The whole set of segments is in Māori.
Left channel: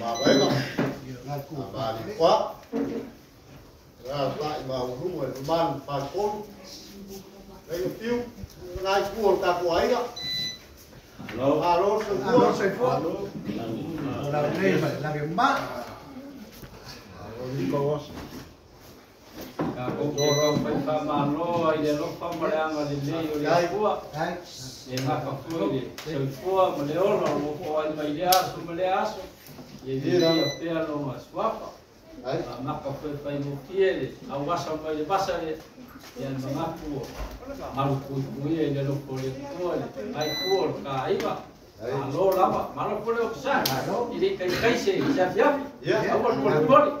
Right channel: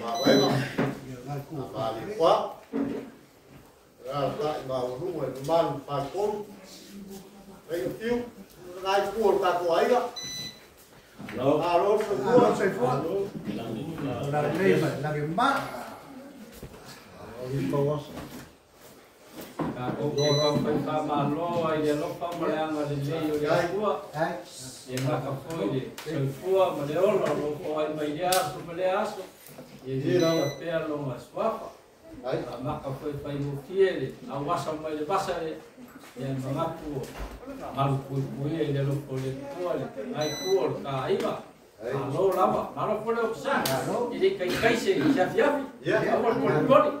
mà vậy mà mà đi quá ra tại vào lúc này ban phạt côn đây tiêu ngay cuồng cả của ấy đó alo sợi phua là đây phải là điểm mát Kalau pembahaman lo, ya lo pembahaman di sini ya semua. Ini apa pun ini, semua melihat lo kau melihat, semua melihat. Jadi apa lo mas apa? Maka pembahaman mufti awas sama di pasar yang mengaku malu kuih dia lo boleh kuih, kai kuih, kai apa? Kalau lama, malu boleh besar. Jadi kai sih, siap. Ya, awal boleh.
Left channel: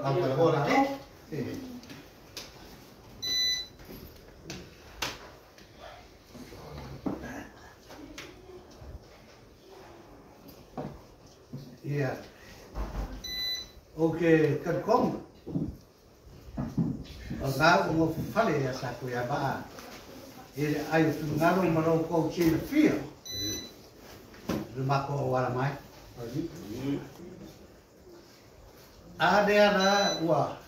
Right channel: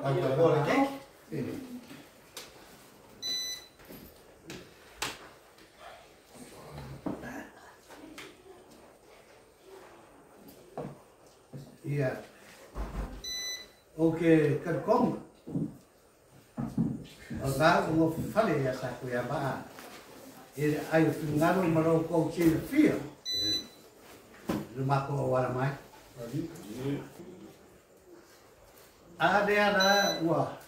Iya. Oke, kerkong. Enggak mau fale ya saku ya ba. Ini ayo ngalo maroko cil fio. Rumah ko wala mai. Ada wah.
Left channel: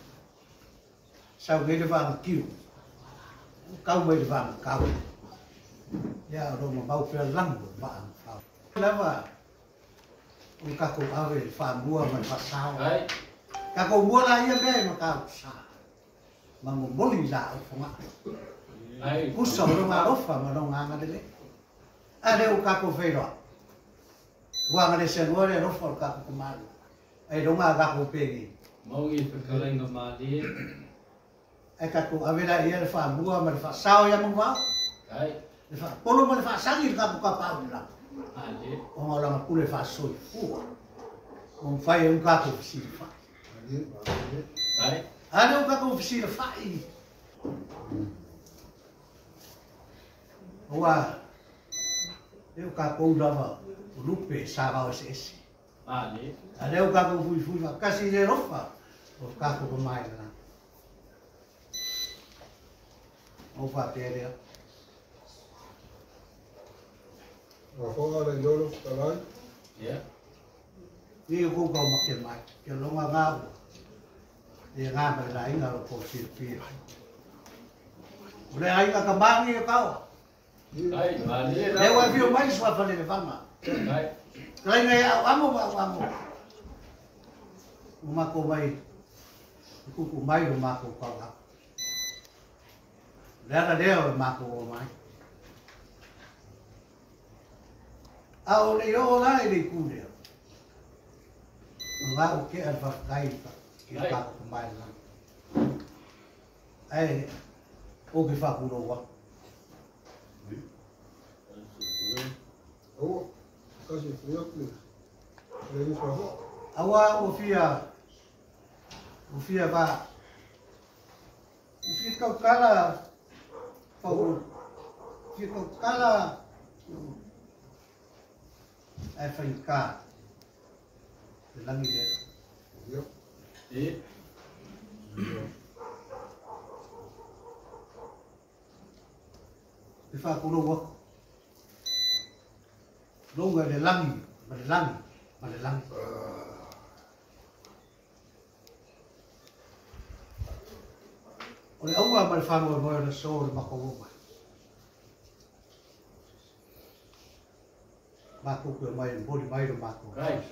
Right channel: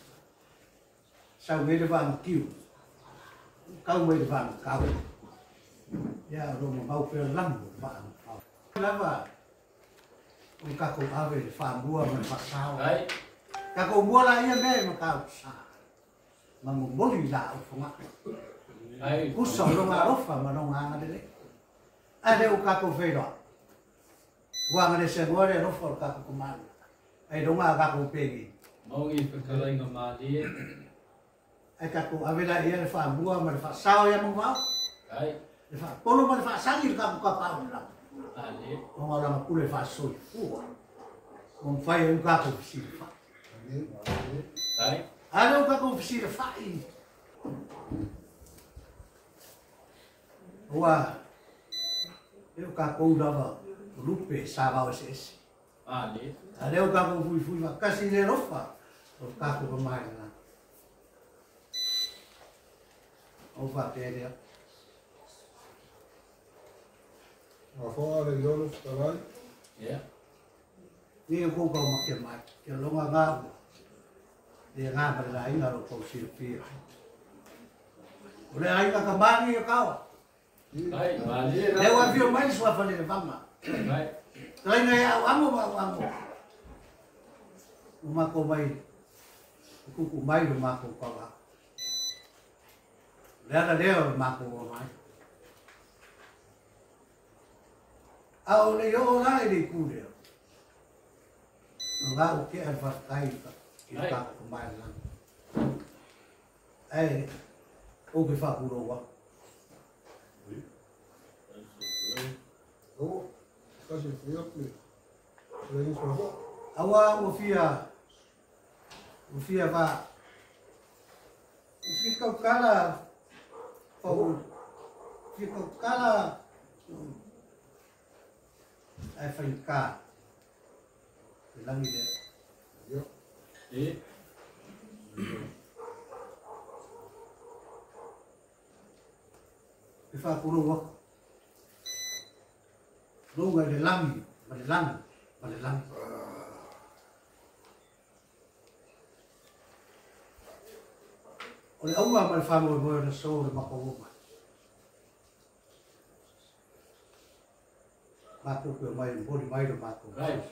Sau người vàng kiu. Kau người vàng kau. Ya rumah bau pel lang vàng. Lama. Kako awe fa mua man fa sao. Kako mua la ia be ma ka sa. Ma mo boli la o fa. Ai puso ro ma ofa ma no nga ngale. Ade o kako feiro. Wa ngale se ngore ro fa kako kumal. Ai do ma kako pegi. Mau ngi pekala ngamali. Ai kako awe la ia fa mua ma fa sao ya mo wa. Ai. Fa polo ma fa sangi kako ka pa la. Ali, orang pule fasoi, fai kaku fisi fai. Ada kaku fisi fai. Wah, eu kaku lava lupe sava esse. ali. Ada kaku fui kasi de rofa, o kaku kemai lah. Opa pede. Fora de ouro, caralho. Ya. Ni ko ko makemai, ke longa ngau. Dia ngapa dah ingat ko silpi. Boleh ai ka kambangi kau. Ai, ali. Dewa vio mais sua fale vama. Ai. Kalau ngai amo. Uma ko mai. Ku mai rumah ko kau. Lihat dia rumah ko mai. Au le yo la ele kude. Nga o ke alfa kai ka ka ko mai lan. Ai o ke fa kulo wa. Oh, casi fui a plus. Le hizo Awa o fia va. O fia kau kala. Pau. Fia kau kala. Ai fai ka. Langi dia. Yo. Fa kulo wa. Longa de langi, badelangi. Oleh Allah malfamu boyo na so de makawo. Mako ke mai bodi mai do mako. Kai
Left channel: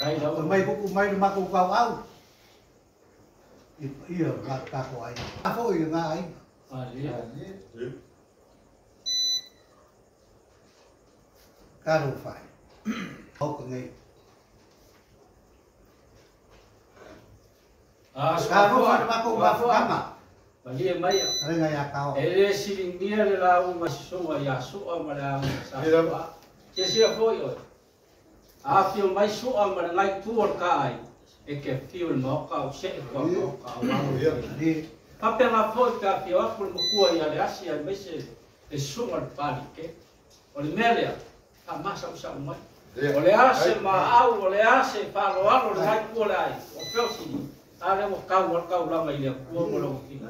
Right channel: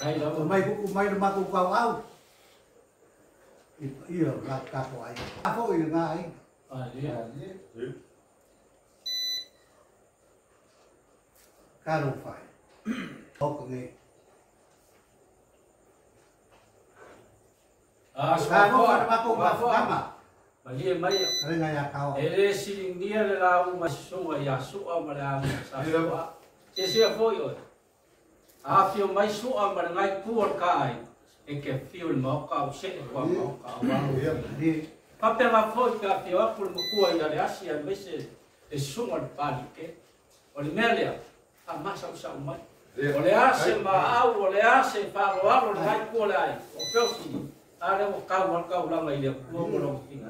To mai buku mai do mako kau au. Iya ka ko ai. Ako i nga ai. Ali. Karo fai. Hok ngai. Karo fai mako ba. Bagi mai. Ada ngai akau. Silingia la uma soa ya soa mara sa. Ke sia foi oi. A fio mai soa mara ngai tuor kai. E ke fio mau ka o se ko ka wa. Di Papela foi ka fio a por mo kua ya le asia mese e suma pali ke. O le mele a masa usa mai. O le ase ma au o le ase pa lo alo le ngai kua le ai. O peusi. Ale mo ka la mai le kua mo lo kinga.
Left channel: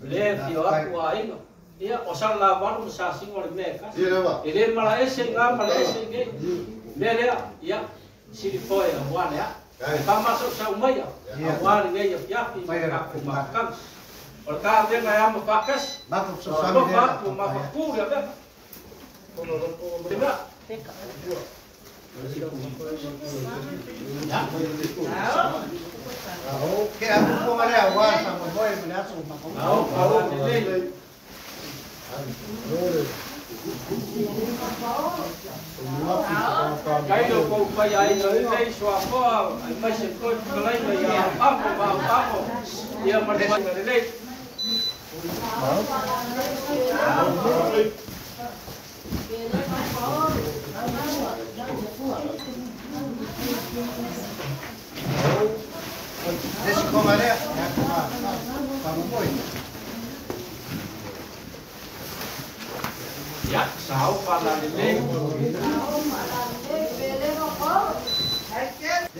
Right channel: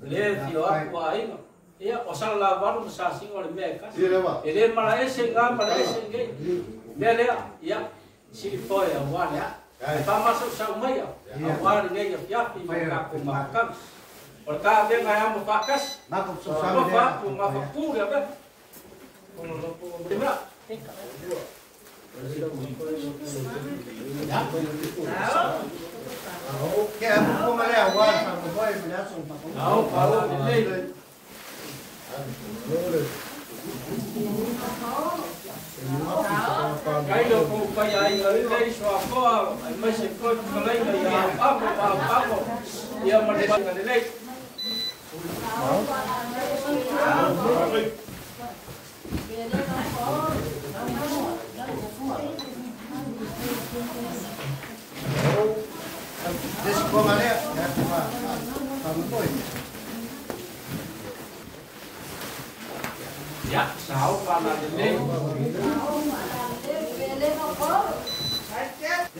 Le fio aku ainga. Ia o sala waru sa singo le meka. Ele mala ese nga mala ese nge. Mele ia sili foi awale ya pa masuk sa umaya awale ngai yapi maka makan Orka be ngaya mafakas Maka so susah mafa mafaku ya be Primera Oke, aku mau melihat awal sama boy melihat semua kamu. Au ini Kailo ko kaya ay ngalilay so ako ay may sipot kulay na yan ako iya man ngalilay Desse como é kamu boy. ya sao pa ngalilay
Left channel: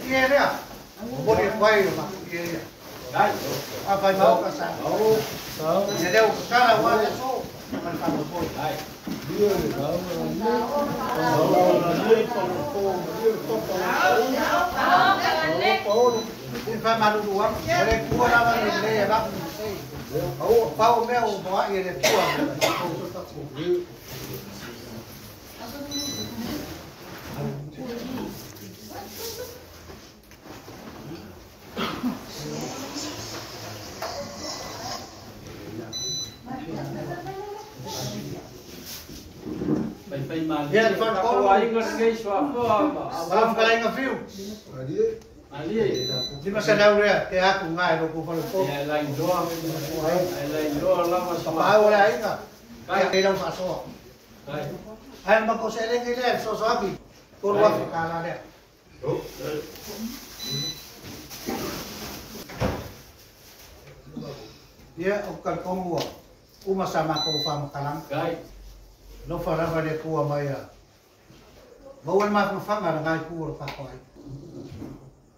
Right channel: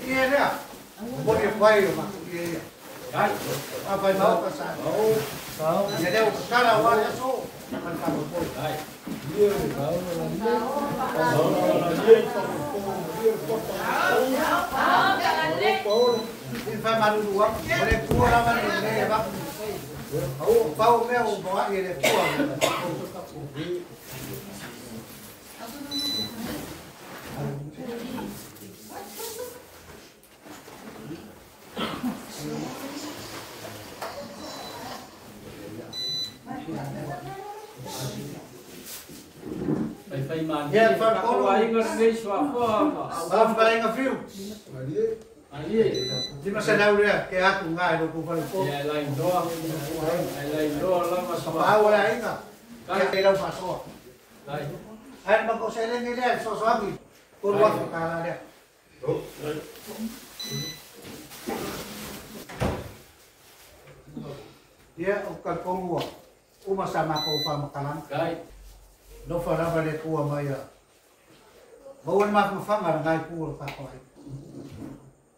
Iya dia. Boleh boy mak. Iya. ay Apa mau ke sana? Tahu. Jadi aku sekarang awalnya so man kamu boy. ay Ini malu dua. Boleh keluar apa ni ya bang? Pau meu bawa ini keluar. Phải mà Dạ, phần có ai ngalilay so ako Malam kali ngeview. ali Di masa daw dia, kaya aku ngai do ko palu ko. ya lain do lama Sa sama pao wala ay ka. Kaya daw sa so. ay Ay mako seleng ni dia so abi. Kurwa ko kala dia. Dia ukal kongwa. Uma sama ko pa makalang. kai No fara ba de ko maya. Bawan mak mafanga ngai ko pa ko.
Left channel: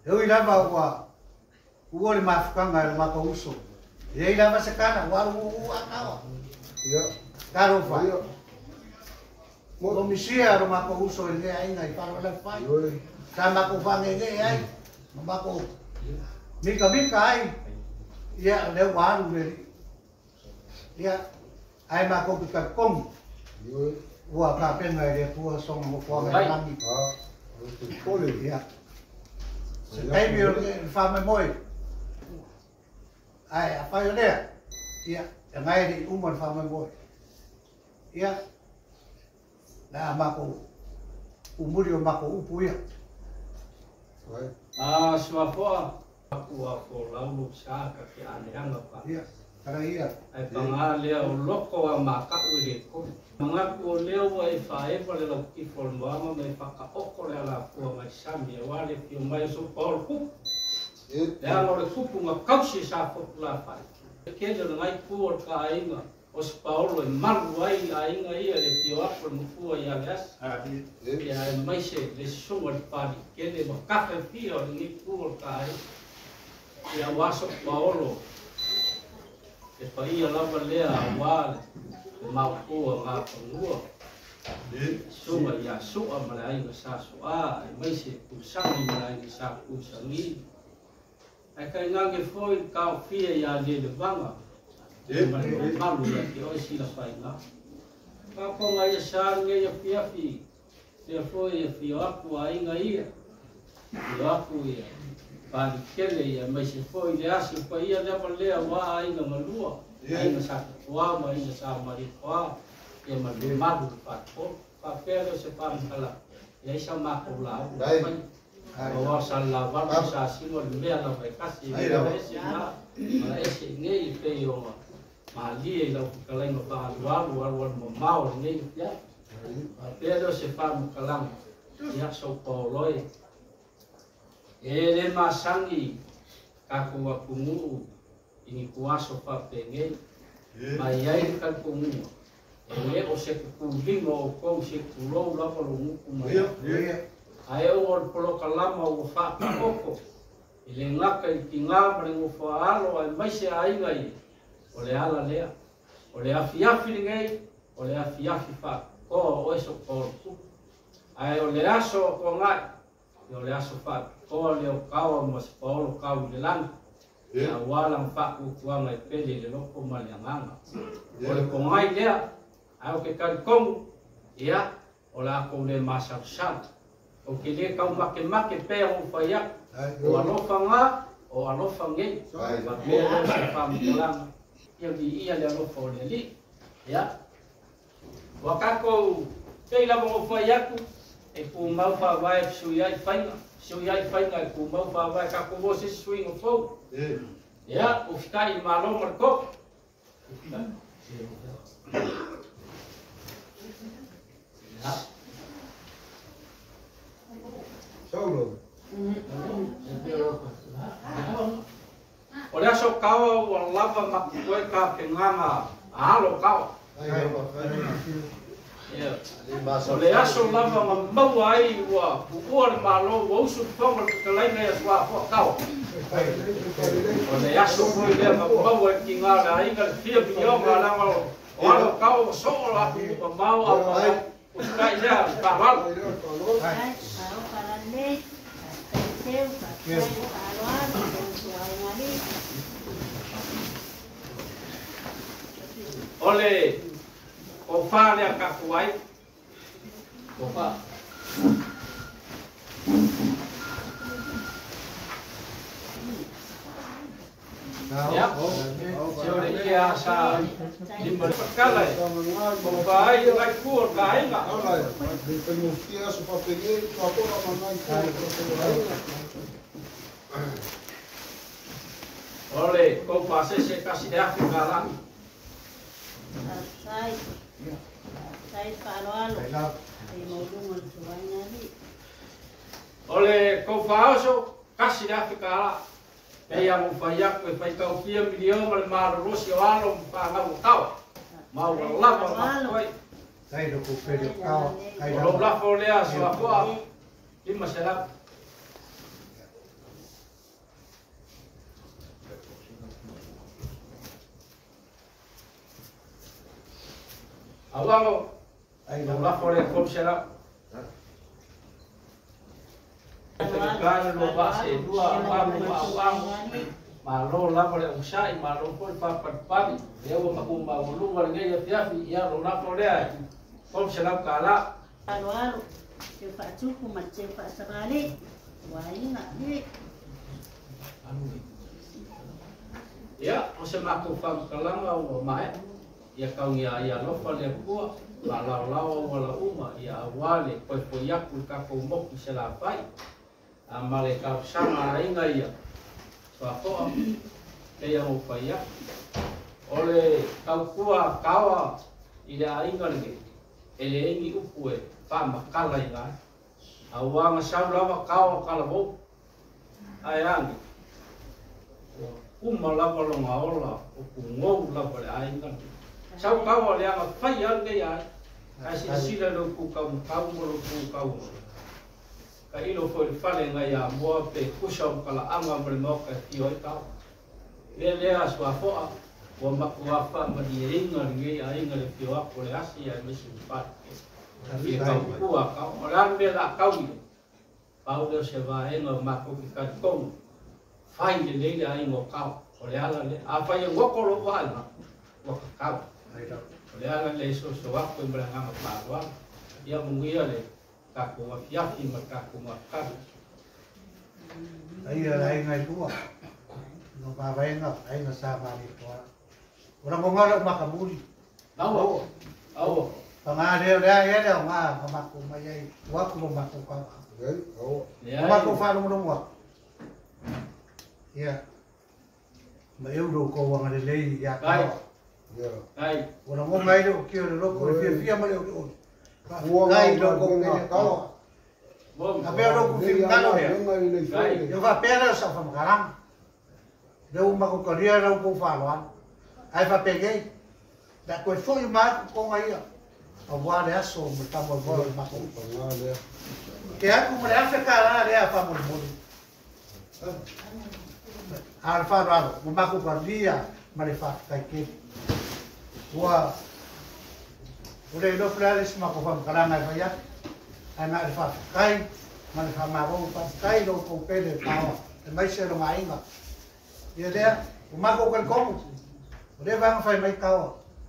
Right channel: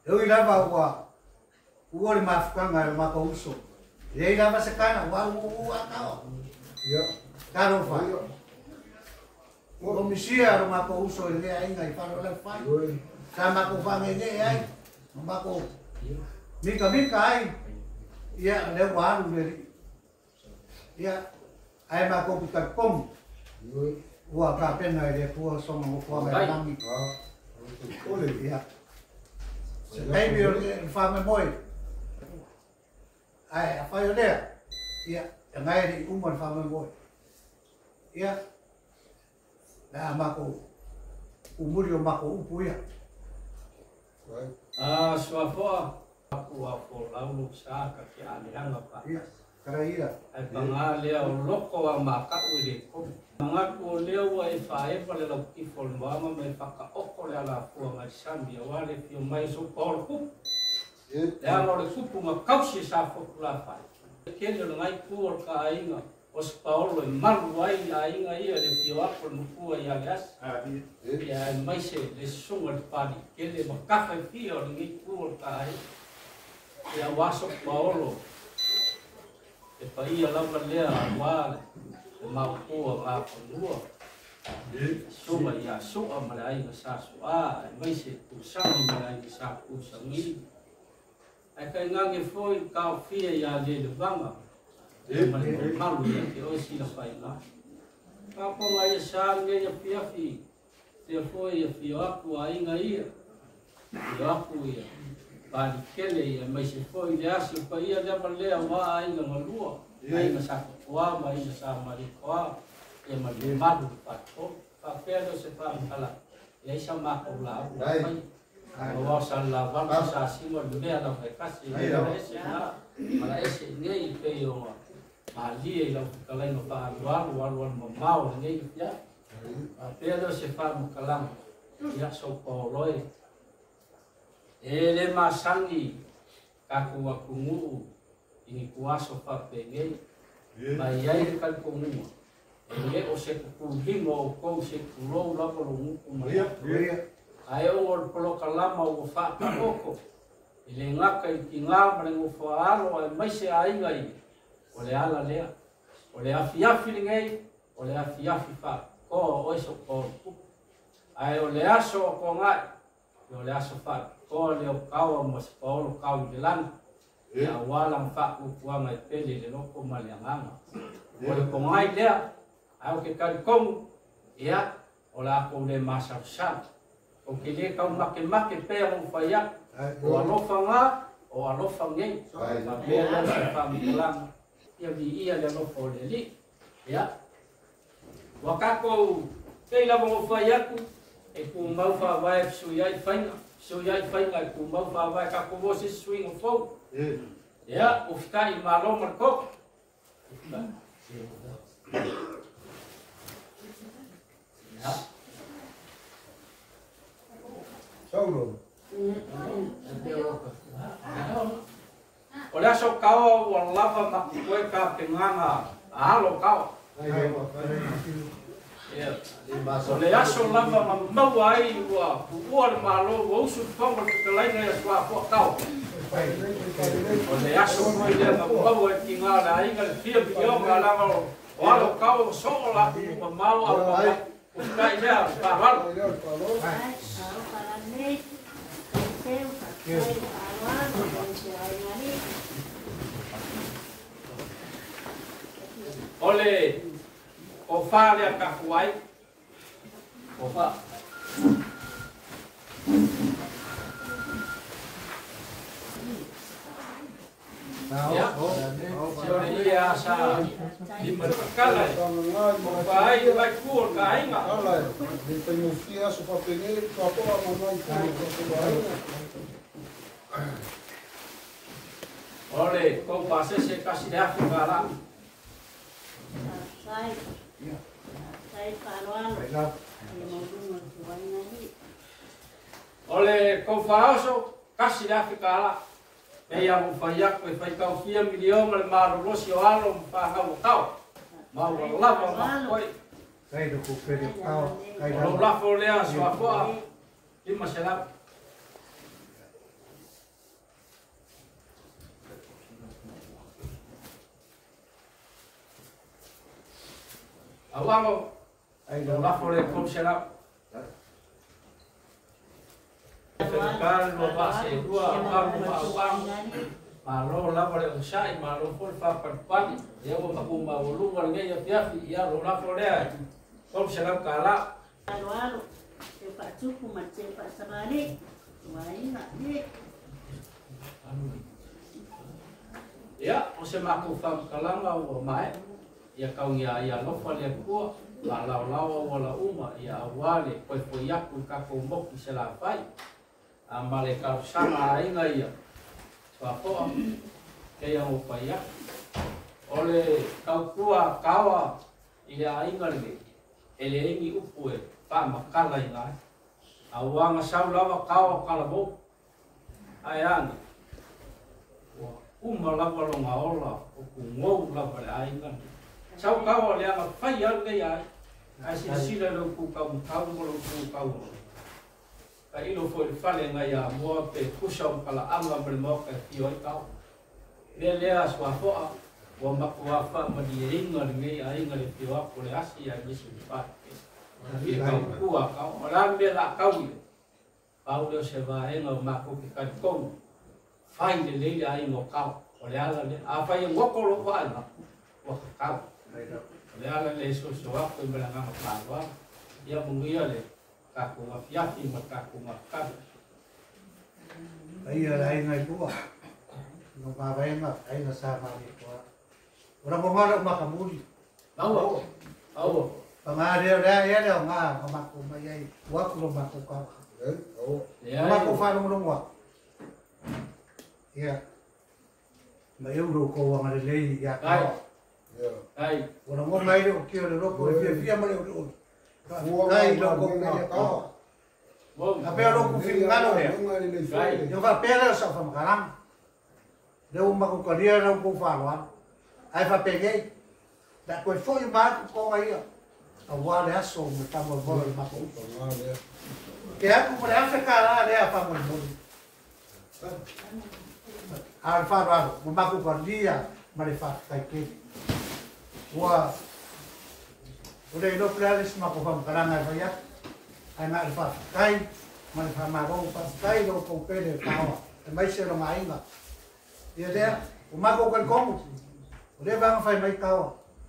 Eu ilava wa. Uole mafanga ma ko uso. Ele ilava se kana wa akao. Iya. Karo fa. Komisia rumah ko uso ile ai ngai paro la fai. Sama ko fangenge ai. Mama ko. Mika ai. Ya le waru le. Ya ai ma ko ka kom. Wa ka pen ngai le pu song mo fo mai langi. Ole ya. Ai mi fa me moi. Ai apa yo le. Ya ngai di umon fa me moi. Ya na mako umuri o mako upu ya suapo aku lalu sa ka ki ane pa ya kara iya ai pangale o loko wa maka uile ko mga ko leo wa ifae pa le ki forma me paka oko le ala ko ma sambi wale fi mai so por ku ya ngor supu nga kausi sa ko la pa ke le ngai ku ka ainga os Paulo maluai ainga ia le pio apo mukua ia gas ia mai se le sunga pali ke le makafa pio ni ku kai ia waso Paulo e pa ia lava lea wale mau ku ma ku sunga ia su'a malai nga sa su'a mai se ku sangi malai sa ku sangi ai kai ngange foi ka fia ia le vanga malu ya que hoje se las paina pa ko ngai san nge ya piafi te foi ya fiaku ai ngai ya aku ya pa kele ya mai se foi le asi pa ia le pale wa ai nga malua ai nga sa wa mai sa sa mari kwa ya malu malu pa ko pa pero se pa kala ya sa ma ko la bahwa salawat sa simon le ala pa kasi ese na mala ese ngai pe yo ali lo kalai no pa luar mau ni ya pero se fa kalang ya so poloi ele masangi kaku wakungu ini kuaso pa penge mai ai kal kungu ele o se kundi mo ko se kulo la ko lu ku ai o polo kalama o fa koko ele ngaka ikinga mrengo fa alo mai se ai ngai ole ala lea ole afiafi ngai ole afiafi fa ko o eso ko ai ole aso ko ngai yo le aso fa ko le o kau mo se paulo kau le lan ya walang fa ku kuanga i pele le loko malianganga o le kongai lea au ke kan kom ya o la ko le masarsan o ke le kau make pe o fa ya o alofa nga o alofa nge ma pe le se fa mulang ya di ia le alofa o le li ya wakako pe la mo fa ya ku e pu mau fa vai su ya fainga ku mau fa vai ka ko se swing o fo ya o fitai malo marco ya Saulo. Olha só kau o lava ma koe ka penganga alo kau ole aso lava ma mau ai wa puor malo wo su fonga ke lai me swa fo kau ole aso foi le ma mau ai ki nga la inga fia bio nga la o alo kau so la ma mau a ma o kai ja pa val ole o fa le ka kuai o fa ya yo le ya sa di perkala o fa ai la kur ka inga Ala, di penufia supaya pergi kau apa mana ole ko pase se kasi de afigala ole ko faoso kasi de afigala e ia mo fai ko fai ka fia milion mal mal rosio alo pa ngau tau mau lava ma koi Kai do ko pe kau. Kai lo la folea so a lima sela awalo ai lo la folea kom sela kan lo pase dua ma lo la folea usai ma lo ko pa pa ya mo ma kumba lu ngal ngai ya piafi ya lo la folea kom sela kala Alwaro, eu faço com uma tia faça vale, vai na dia. Ya, o se maku fam kalanga o mai. Ya kau ya lo fale ku la wala uma ya wale poi ya ku ka ko mo ki se la fai. Amale ka sama inga ya. Swapo ke ya o fai ya. Ole kau kuwa kawa ila inga nge. Ele ingi upue fa makala inga. Awanga sabla kawa kala bo. Ayang. Uma la wala ngaola o ku ngou la wala ainga. Sau kawa le ama fai al ngai ai. Ai sila lo ku kau mo lo ku kau. Ka ilo foi fale ngai a mo pe kusam kala anga mo mo ka tioi kau. Le aswa fo wa makwa fa ma di ringa ngai ai ngai tio ko le asi ai misu pat. Tapi kau kuwa kau orang be la kau. Paulo se va en o mako ki ka kong. Fai le le ai mo kau. Ole ala le a fai ngo ko lo wa na. Wa kau. Ole ala le so wa ko mbra nga ma wa. Ya mungia le ka ko wa ya ti ma ka ko ma ka. ai ngai tua. No pa venga, ai na sa ma ni tua. Ora mo ngalo makamuli. Au. Au. Pangare ya ya nga mako mai ai. Wa ko mako ka. Mako fa no wa. Ya. Mai eu do ko wa ngale le ya ka. Ai. Ora mo mai do ki o lo ko fia ma le o. Ai lo ko me ka. Bom. Ape lo ko fi ngalo he. Yo va pera sa fa makarang. Deu ma ko karia ra ko fa lo. Ai fa peguei. Da ko foi ma ko ngai. A wa le aso mo ta mo vol ma ko. Que é como é essa cara é para mo mo. Al fa ra mo ma ko karia ma le fa kai ke. Wa Ore no planes ma ko fa makarang ai fa ya. Ai ma le fa kai man fa ma ko pa kai lo ko pe de pa mai se lo mai ma dia dia o ma ko kan ko o de vang fai mai ka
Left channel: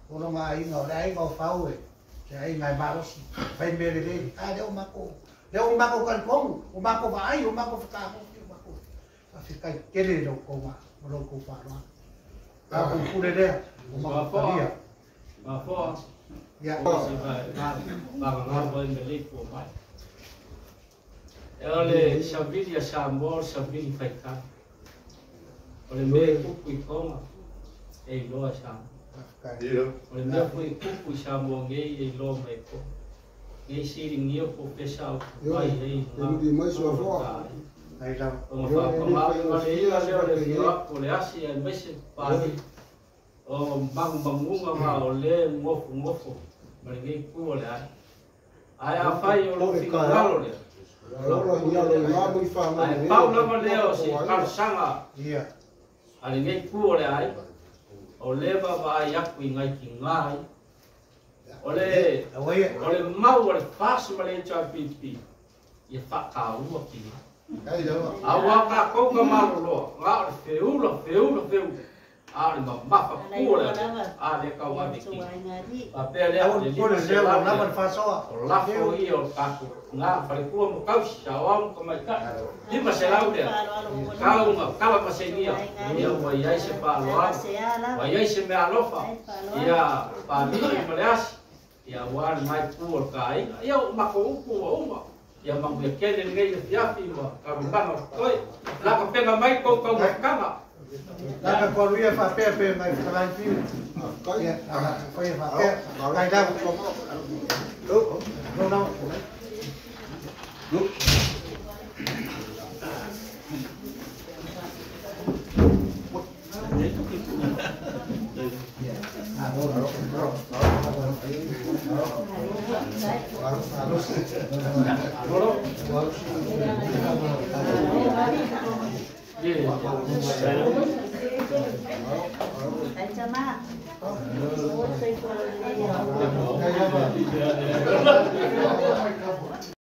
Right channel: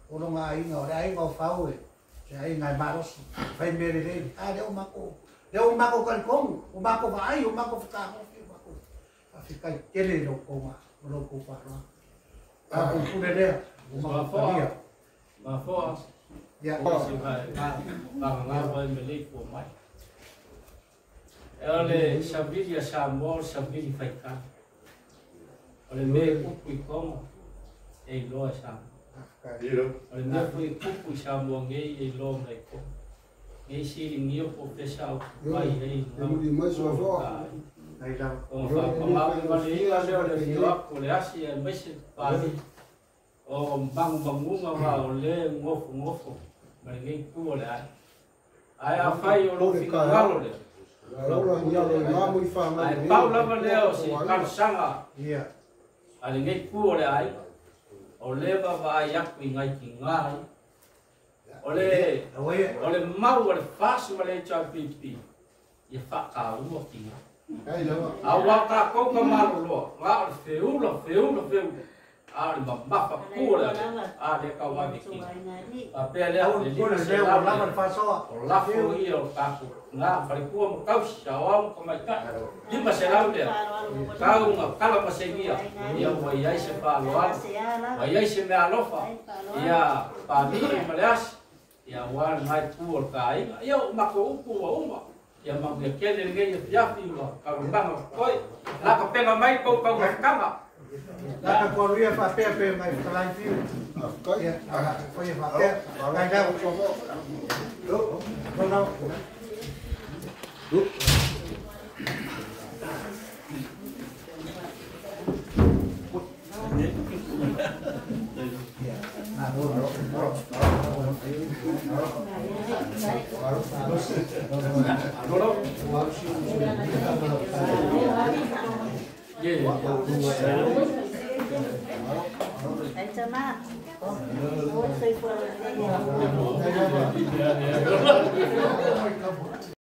o lo mai ngo dai ngo fa o se ai ngai ma ros fai me de a de o ma ko kan ko o ma ko vai o ma ko fa ko o ma ko fa kai kele lo ko ma lo ko fa no ka ko pu de o ma ko dia ma fo ya ba ngau me le ko mai ole sabili sambo sabili faika ole me kuku koma e lo sam ole me kuku sambo nge e lo me ko nge siri nio ko pesau vai ei di mais uma flor ai da o fa ma le ila le ole fio ko le asi e me se pali o bangunga va o le ngofo ma nge ku ole ai a fai o lo finalo le Laura ia lo mamu I fa ma ai Paula ma leo si kal sanga ia ali ngai ku ole ai o le ba vai aku ngai ki ngai ole mau ole fas ma le cha pipi ia fa ka u ki Ai đâu a wa ka ko ka ma lo nga feu a le ma fa ku ole a le ka wa ki a pe le au le ko le se leo la na man fa so o la fo i o ka ku nga fa ku mo ka sa wa ko mai ka lima se la le ka nga kala ma se nia ia wa ia se pa lo wa ia se me alofa ia pa mi me leas ia wa mai ku o kai ia ma ko ku o ma ia ma ke ke le ngai ia fi mo ka ma ma ko la ka pe mai ko ka ma la ka ko ia fa pe mai ka lan fi ia ala ko ia fa pe ai da no Ay,